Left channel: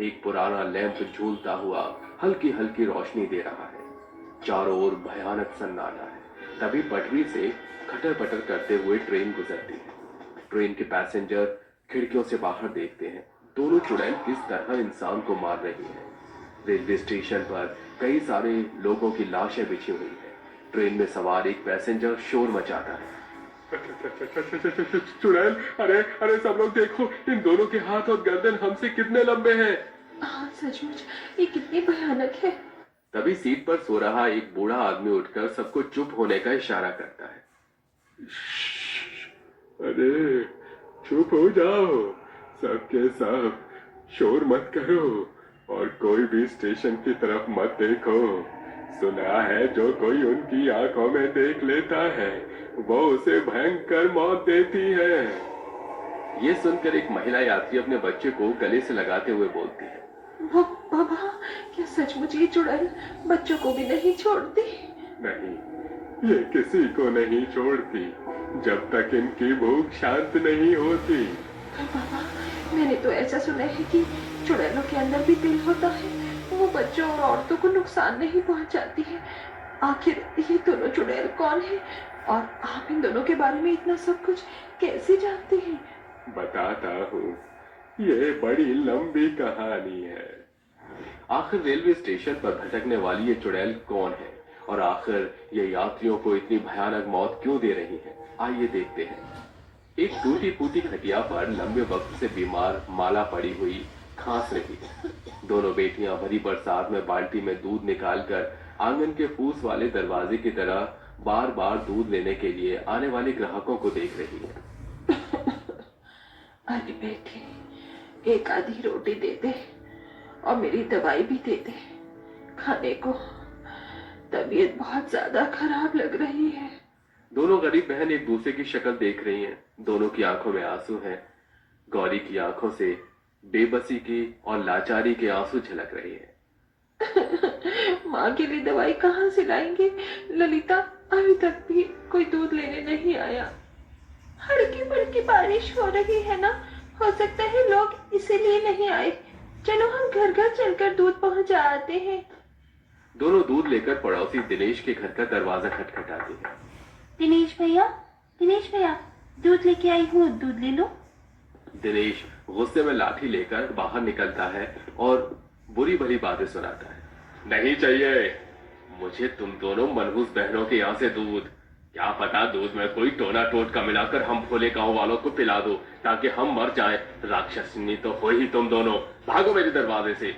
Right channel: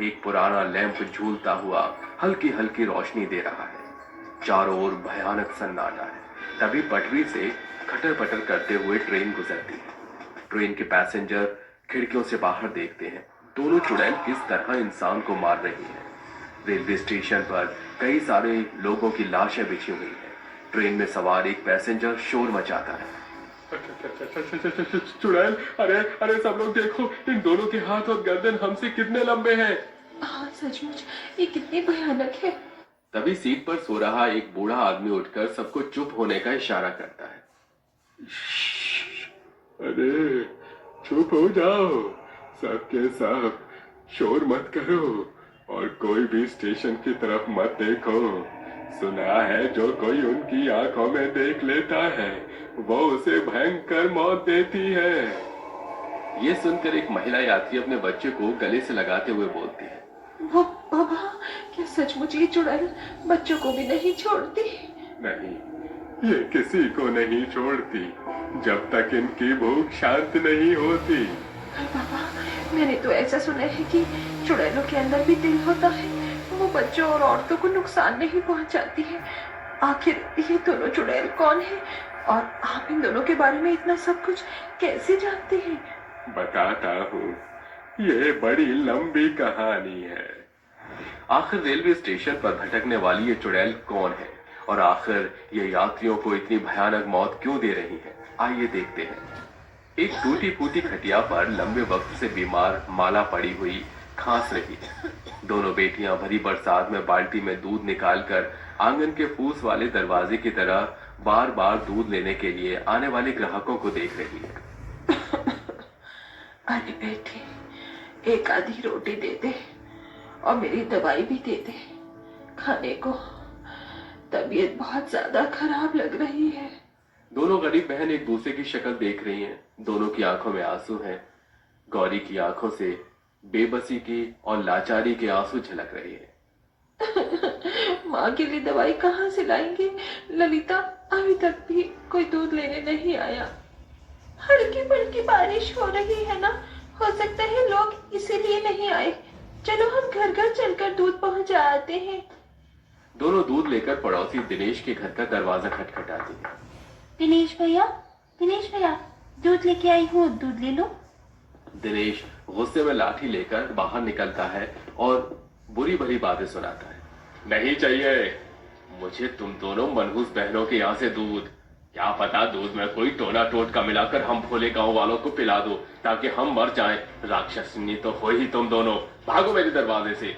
एक पुराना लैंप झूलता हुआ हल्की हल्की रोशनी दे रहा है। चारों ओर भयानक सन्नाटा है। तभी पटरी से खटर पटर करते हुए ट्रेन गुजरती है। ट्रेन के पैसेंजर खिड़कियों से बाहर देखते हैं। दोनों चुड़ैल किस तरह इंसान को मार रही है। रेलवे स्टेशन पर कई सारे लोगों की लाशें बिछी हुई है। ट्रेन में सवार एक पैसेंजर शोर मचाता है। चुड़ैल, अरे अरे सब लोग देखो, इन दोनों के हाथ और गर्दन हमसे कितने लंबे हैं। हाँ सचमुच, ये कितनी भयानक है। तभी सीट पर सो रहा एक बूढ़ा आदमी उठकर सबको चुप होने का इशारा करता है। अरे चुप हो जाओ, सबके सब शोर मत करो और कोई भी स्टेशन की तरफ मत देखो। सुना है जो कोई उनकी आंखों में देख लेता है वो उसे भयंकर मौत देती है। ये सुनकर एक महिला यात्री अपने बच्चे को गले से लगाते हुए बोलती है। बाबा, क्या सचमुच ये चुड़ैल बच्चों को भी नहीं छोड़ती? नहीं, ये किसी को नहीं छोड़ती जब तक इनकी भूख शांत नहीं होती। बाबा, मैंने तो ऐसा सुना है कि चुड़ैलों के अंदर भी दिल होता है। वो बच्चों और औरतों को नुकसान नहीं पहुंचाती है। आखिर ये दोनों चुड़ैल कौन है और आप इन दोनों के बारे में इतना सब कुछ कैसे जानते हैं? बताता हूँ, ये बड़ी लंबी कहानी है। आखिर रेलवे स्टेशन पर भटकने वाली ये चुड़ैल कौन है और आखिर ये यात्रियों को इतनी भयानक मौत क्यों दे रही है, आइए देखते हैं। एक टूटी फूटी खटिया पर लंबे वक्त से बीमार माला पड़ी हुई खांस रही है। दोनों बेटियां भरी बरसात में बाल्टी में दूध निकालकर आंगन के फूस वाले दरवाजे की तरह बार बार दूध लेने के लिए आने वाले ग्राहकों को देख रही है। अरे बेटे, एक आधी रोटी दे दे और मेरी दवाई भी दे दे खाने को। तबीयत बहुत ज्यादा खराब लग रही है। दोनों गरीब बहन एक दूसरे की शक्ल देख रही हैं। दोनों की आंखों में आंसू हैं। गौरी की आंखों से बेबसी की और लाचारी के आंसू झलक रहे हैं। माँ के लिए दवाई कहाँ से लाएंगे? ललिता अभी तक भी कोई दूध लेने नहीं आया। हल्की फुल्की बारिश हो रही है ना, हो सकता है लोग इसीलिए नहीं आए। चलो हम घर घर चलकर दूध पहुंचा आते हैं। दोनों दूध लेकर पड़ोसी दिनेश के घर का दरवाजा खटखटाते हैं। दिनेश भैया, दिनेश भैया, दूध लेके आई हूँ, दूध ले लो। दिनेश गुस्से में लाठी लेकर बाहर निकलता है और बुरी भरी बातें सुनाता है। नहीं चाहिए मुझे तुम दोनों मनहूस बहनों के यहाँ से दूध। क्या पता दूध में कोई टोना टोटका मिलाकर हम भोले गांव वालों को पिला दो ताकि हम मर जाएं। राक्षसनी तो हो ही तुम दोनों, भागो मेरे दरवाजे से।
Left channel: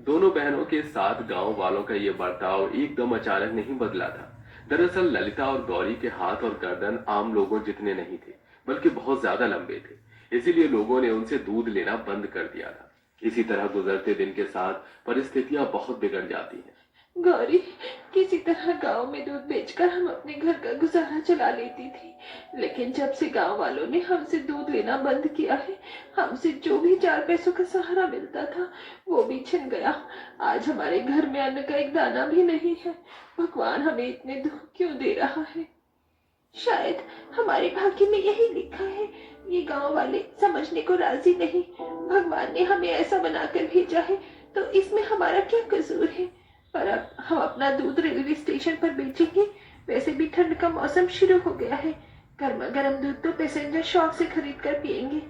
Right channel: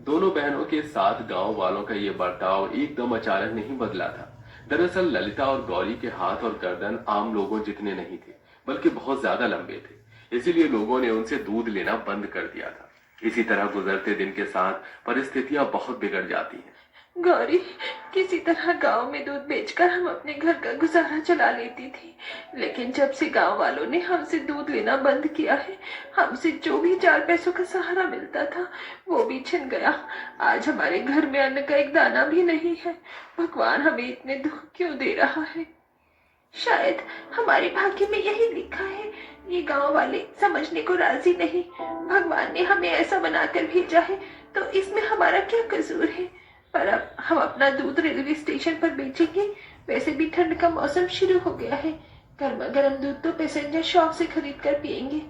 दोनों बहनों के साथ गांव वालों का ये बर्ताव एकदम अचानक नहीं बदला था। दरअसल ललिता और गौरी के हाथ और गर्दन आम लोगों जितने नहीं थे, बल्कि बहुत ज्यादा लंबे थे। इसीलिए लोगों ने उनसे दूध लेना बंद कर दिया था। इसी तरह गुजरते दिन के साथ परिस्थितियां बहुत बिगड़ जाती हैं। गौरी, किसी तरह गांव में दूध बेचकर हम अपने घर का गुजारा चला लेती थी, लेकिन जब से गांव वालों ने हमसे दूध लेना बंद किया है, हमसे जो भी 4 पैसों का सहारा मिलता था वो भी छिन गया। आज हमारे घर में अन्न का एक दाना भी नहीं है। भगवान हमें इतने दुख क्यों दे रहा है? शायद हमारे भाग्य में यही लिखा है। ये गांव वाले समझने को राजी नहीं। भगवान ने हमें ऐसा बनाकर भेजा है तो इसमें हमारा क्या कसूर है? पर अब हम अपना दूध रेलवे स्टेशन पर बेचेंगे। वैसे भी ठंड का मौसम शुरू हो गया है। गर्मा गर्म दूध तो पैसेंजर शौक से खरीद कर पियेंगे।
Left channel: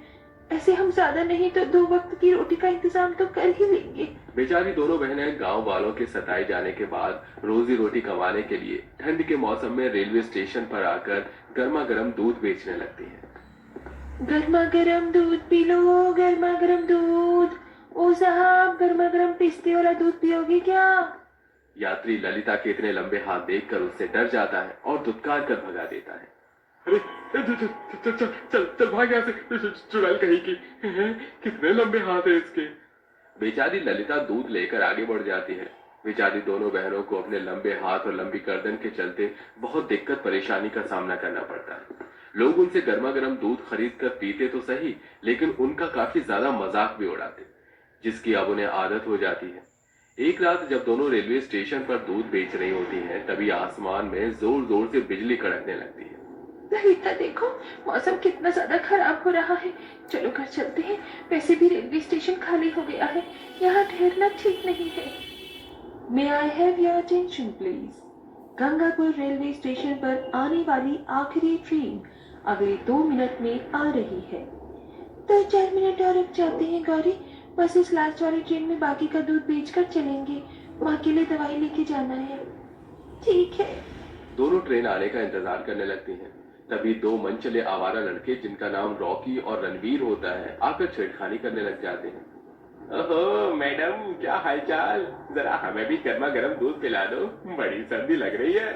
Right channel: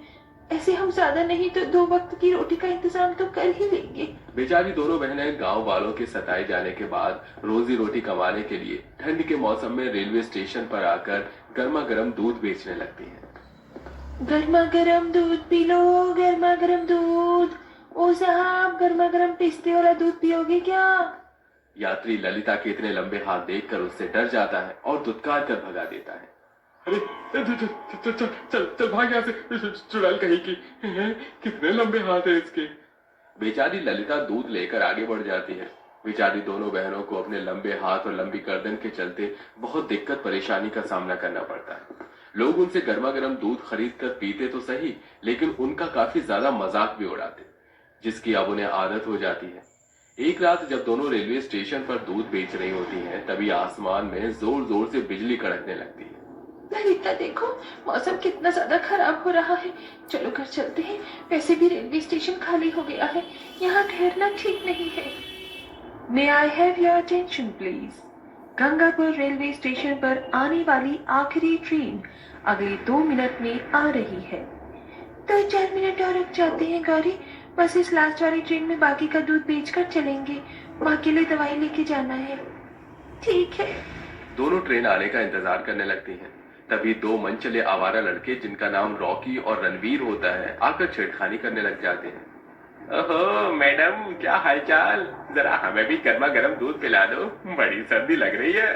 ऐसे हम ज्यादा नहीं तो 2 वक्त की रोटी का इंतजाम तो कर ही लेंगे। बेचारी दोनों बहनें गांव वालों के सताए जाने के बाद रोजी रोटी कमाने के लिए ठंड के मौसम में रेलवे स्टेशन पर आकर गर्मा गर्म दूध बेचने लगती हैं। गर्मा गर्म दूध पी लो, गर्मा गर्म दूध। ओ साहब, गर्मा गर्म पिस्ते वाला दूध पियोगे क्या? यात्री ललिता के इतने लंबे हाथ देखकर उससे डर जाता है और दुत्कार कर भगा देता है। अरे चल चल चल चल चल चल भाग यहाँ से, चुड़ैल कहीं की। कितने लंबे हाथ है इसके। बेचारी ललिता दूध लेकर आगे बढ़ जाती है। बेचारी दोनों बहनों को अपने लंबे हाथ और लंबी गर्दन के चलते बहुत दिक्कत परेशानी का सामना करना पड़ता है। लोग उनसे गर्मा गर्म दूध खरीद कर पीते तो सही, लेकिन उनका काफी ज्यादा मजाक भी उड़ाते, जिसकी अब उन्हें आदत हो जाती है। एक रात जब दोनों रेलवे स्टेशन पर दूध बेच रही होती हैं, तभी आसमान में जोर जोर से बिजली कड़कने लगती है। ललिता देखो, मौसम कितना ज्यादा खराब हो रहा है। चलो घर चलते हैं। वैसे भी रेलवे स्टेशन खाली हो गया है, यहाँ ठहरना ठीक नहीं है। May I have your attention please. Gangapur railway station पर आने वाली आखिरी ट्रेन अगले 2 मिनट में आ रही है। 2-4 मिनट और रुक जाते हैं गौरी, बस इस लास्ट वाली ट्रेन में बाकी का दूध बेचकर चलेंगे। माँ के लिए दवाई लेके जाना है। ठीक है। दोनों ट्रेन आने का इंतजार करने लगती हैं। तभी 2 मनचले आवारा लड़के जिनका नाम रॉकी और रणवीर होता है आकर छेड़खानी करने लग जाते हैं। ओहो मैडम, क्या हालचाल, जरा हमें भी गर्मा गर्म दूध पिला दो, बड़ी सर्दी लग रही है।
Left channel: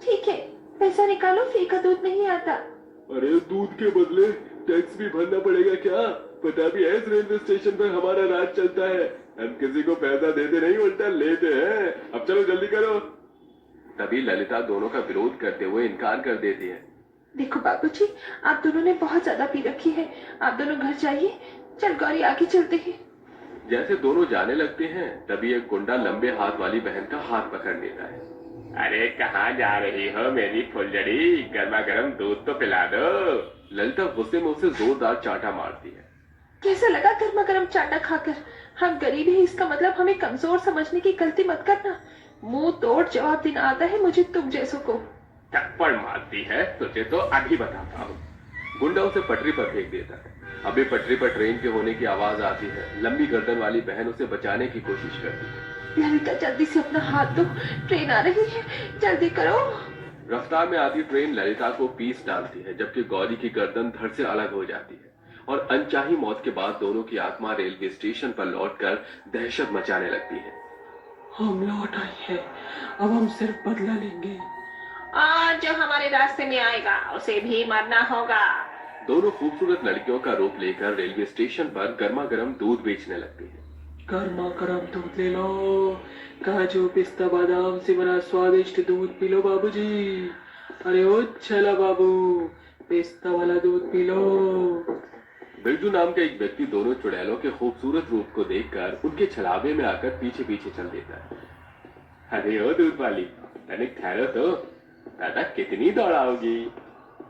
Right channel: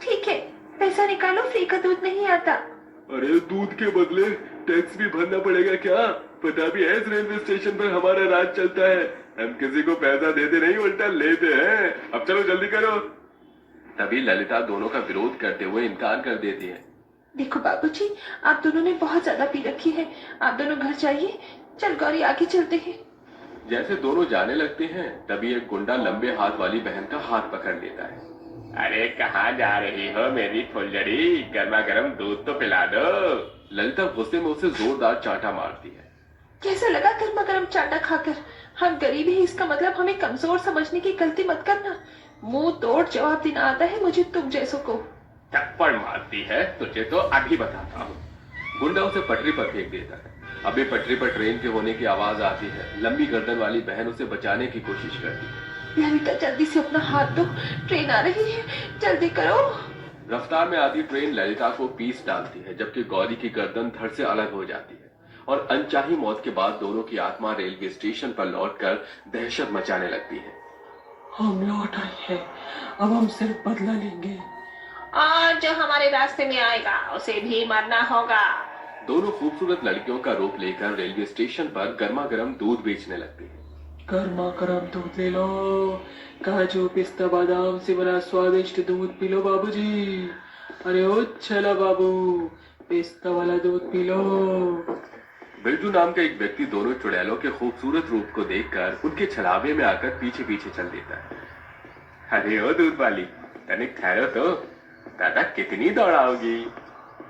ठीक है, पैसा निकालो, फ्री का दूध नहीं आता। अरे दूध के बदले टैक्स भी भरना पड़ेगा क्या? पता भी है इस रेलवे स्टेशन पर हमारा राज चलता है। हम किसी को पैसा देते नहीं, उल्टा लेते हैं। अब चलो जल्दी करो। तभी ललिता दोनों का विरोध करते हुए इनकार कर देती है। देखो बाबूजी, आप दोनों ने बहुत ज्यादा पी रखी है, आप दोनों घर जाइए। चल गौरी, आगे चलते हैं। जैसे दोनों जाने लगते हैं तभी एक गुंडा लंबे हाथ वाली बहन का हाथ पकड़ लेता है। अरे कहाँ जा रही हो मेरी फुलझड़ी, गर्मा गर्म दूध तो पिला दो। ललिता गुस्से में उसे जोरदार चांटा मारती है। कैसा लगा गर्मा गर्म चाटा खाकर? हम गरीब हैं, इसका मतलब हमें कमजोर समझने की गलती मत करना। मुंह तोड़ जवाब देना आता है मुझे तुम जैसों को। थप्पड़ मारती है, तुझे तो अभी बताता हूँ। गुंडा उसे पटरी पर फेंक देता है। अभी पटरी पर ट्रेन के होने की आवाज आती है। लंबी गर्दन वाली बहन उसे बचाने की कोशिश करती है। ललिता जल्दी से अपना हाथ दो, ट्रेन आ रही है, जल्दी करो। रफ्तार में आती ट्रेन ललिता को पीस डालती है, जबकि गौरी की गर्दन धड़ से अलग हो जाती है और अनचाही मौत के बाद दोनों की आत्मा रेलवे स्टेशन पर लौटकर दहशत मचाने लगती है। हम लौट आए हैं, अब हम सिर्फ बदला लेंगे और जो हमारे रास्ते में आएगा उसे भी मरना होगा। दोनों खूबसूरत लड़कियों का रूप लेकर रेलवे स्टेशन पर गर्मा गर्म दूध बेचने लगती है। गर्मा गर्म दूध ले लो, काजू पिस्ता बादाम से बना स्वादिष्ट दूध पी लो बाबूजी। अरे ओ चला बाबू, पिस्ता वाला दूध पी लो। बिरजू नाम का एक व्यक्ति दोनों चुड़ैलों के खूबसूरत रूप को देखकर उनके छलावे में आकर पीछे पीछे चल देता है। अरे ओ दूध वाली, तनिक ठहरो तो, दादा कितनी दौड़ाओगी?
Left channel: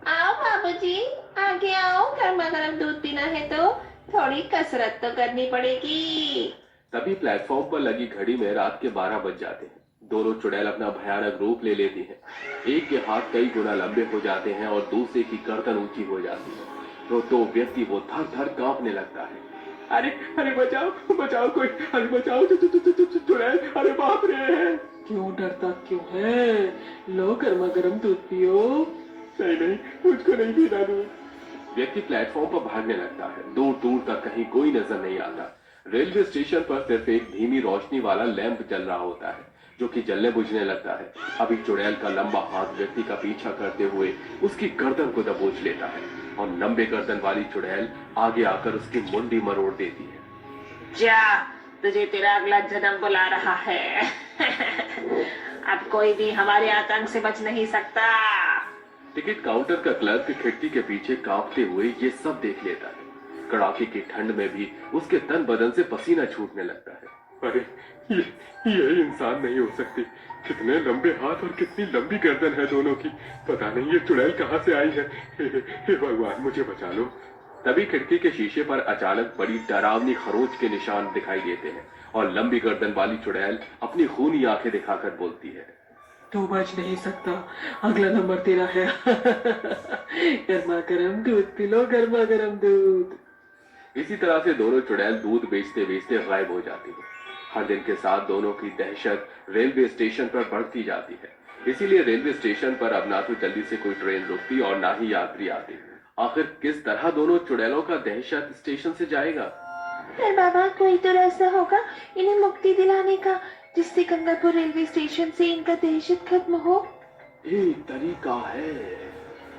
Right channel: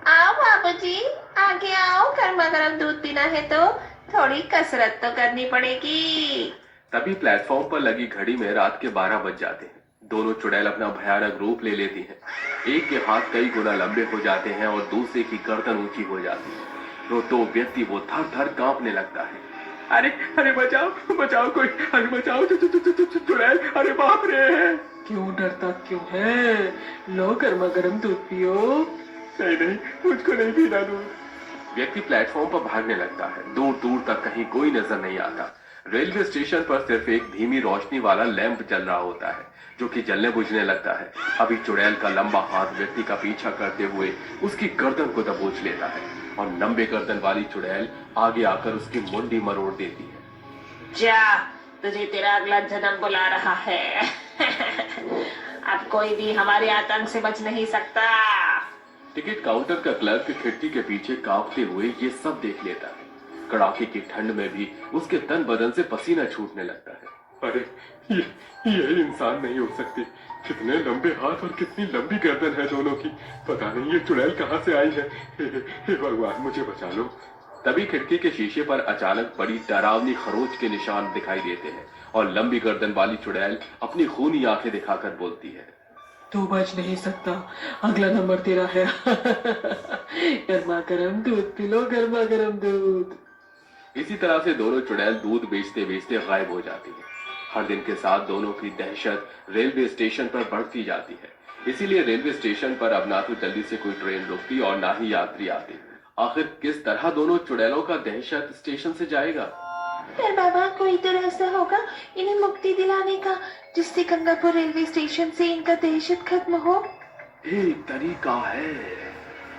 आओ बाबूजी, आगे आओ, गर्मा गर्म दूध पीना है तो थोड़ी कसरत तो करनी पड़ेगी। तभी प्लेटफॉर्म पर लगी घड़ी में रात के 12 बज जाते हैं। दोनों चुड़ैल अपना भयानक रूप ले लेती हैं। एक के हाथ कई गुना लंबे हो जाते हैं और दूसरे की गर्दन ऊंची हो जाती है। तो व्यक्ति वो थर थर कांपने लगता है। अरे अरे बचाओ बचाओ कोई, अरे बचाओ चुड़ैल, अरे बाप रे। क्यों डरता क्यों है? लो गर्मा गर्म दूध पियो। नहीं नहीं, मुझको नहीं पीना दूध। व्यक्ति प्लेटफॉर्म पर भागने लगता है। दूर दूर तक कहीं कोई नजर नहीं आता। रेलवे स्टेशन पर सिर्फ एक धीमी रोशनी वाला लैंप जल रहा होता है, जो कि जलने बुझने लगता है। अभी चुड़ैल का लंबा हाथ व्यक्ति का पीछा करते हुए उसकी गर्दन को दबोच लेता है और लंबे गर्दन वाली चुड़ैल आगे आकर उसकी मुंडी मरोड़ देती है। जा, तुझे तेरा अगला जन्म बुला रहा है। अब कोई भी हमारे आतंक से बच नहीं सकता। टिकट काउंटर का क्लर्क खिड़की के पीछे कांपते हुए ये सब देख लेता है। कड़ाके की ठंड में भी उसके तन बदन से पसीना छूटने लगता है। अरे ये इंसान नहीं हो सकती। कितने लंबे हाथ और कितनी लंबी गर्दन है दोनों की। पता नहीं ये चुड़ैल कहाँ से आई है। हे भगवान, मुझे बचा लो। तभी खिड़की के शीशे पर अचानक बड़ी डरावनी खरोच के निशान दिखाई देते हैं और लंबी गर्दन वाली चुड़ैल अपनी खूनी आंखें दिखाकर बोलती है, तू बच नहीं सकता, अगला नंबर तेरा है। गर्मा गर्म दूध पी लो, गर्मा गर्म दूध। इसी तरह से दोनों चुड़ैल दूध बेचते बेचते गायब हो जाती है। हर दिन के साथ दोनों की दहशत रेलवे स्टेशन पर बढ़ती जाती है। इसीलिए रेलवे स्टेशन पर अब ना तो जल्दी से कोई ट्रेन रुकती और ना ही यात्री आते। आखिर किस तरह दोनों चुड़ैलों का दहशत स्टेशन से जाएगा? पर बाबा, कोई तो रास्ता होगा इन्हें मुक्ति दिलाने का, जिससे गंगापुर रेलवे स्टेशन से इनका दहशत खत्म हो। एक तरीका है,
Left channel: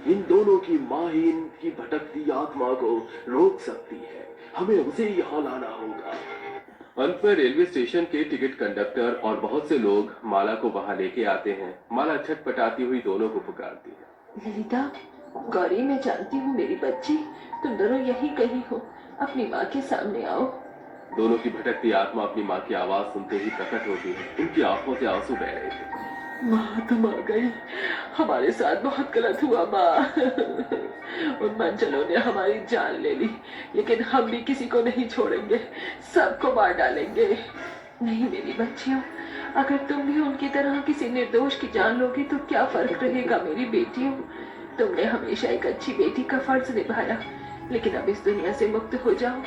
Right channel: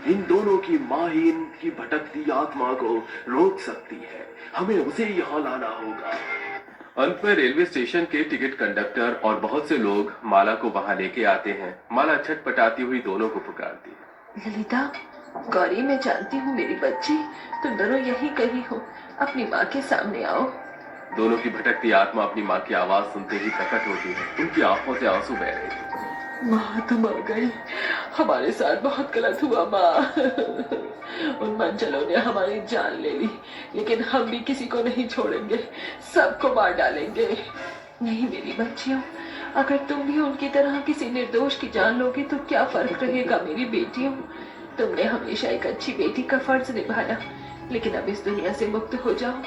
इन दोनों की माँ ही इनकी भटकती आत्मा को रोक सकती है। हमें उसे यहाँ लाना होगा। अंत में रेलवे स्टेशन के टिकट कंडक्टर और बहुत से लोग माला को वहां लेके आते हैं। माला छटपटाती हुई दोनों को पुकारती है। ललिता, गौरी, मैं जानती हूँ मेरी बच्ची, तुम दोनों यही कहीं हो, अपनी माँ के सामने आओ। दोनों की भटकती आत्मा अपनी माँ की आवाज सुनते ही प्रकट होती है। उनकी आंखों से आंसू बह रहे थे। माँ तुम आ गई। हमारे साथ बहुत गलत हुआ माँ। उन मंचलों ने हमारी जान ले ली, लेकिन हम भी किसी को नहीं छोड़ेंगे, सबको मार डालेंगे। नहीं मेरी बच्चियों, अगर तुम भी उनकी तरह किसी निर्दोष की जान लोगी तो क्या फर्क रहेगा मेरी बेटियों। तुमने हमेशा एक अच्छी बेटी का फर्ज निभाया, लेकिन अब इस दुनिया से मुक्त हो जाओ।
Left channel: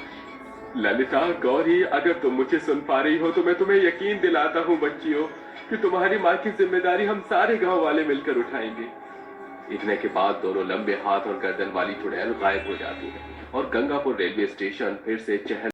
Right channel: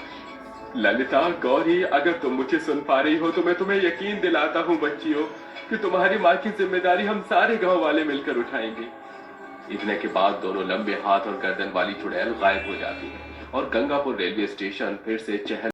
ललिता, गौरी, अगर तुम मुझे सुन पा रही हो तो मैं तुम्हें यकीन दिलाता हूँ बच्चियों कि तुम्हारी माँ की जिम्मेदारी हम सारे गांव वाले मिलकर उठाएंगे। इतने के बाद दोनों लंबे हाथ और गर्दन वाली चुड़ैल गायब हो जाती है और गंगापुर रेलवे स्टेशन फिर से चहल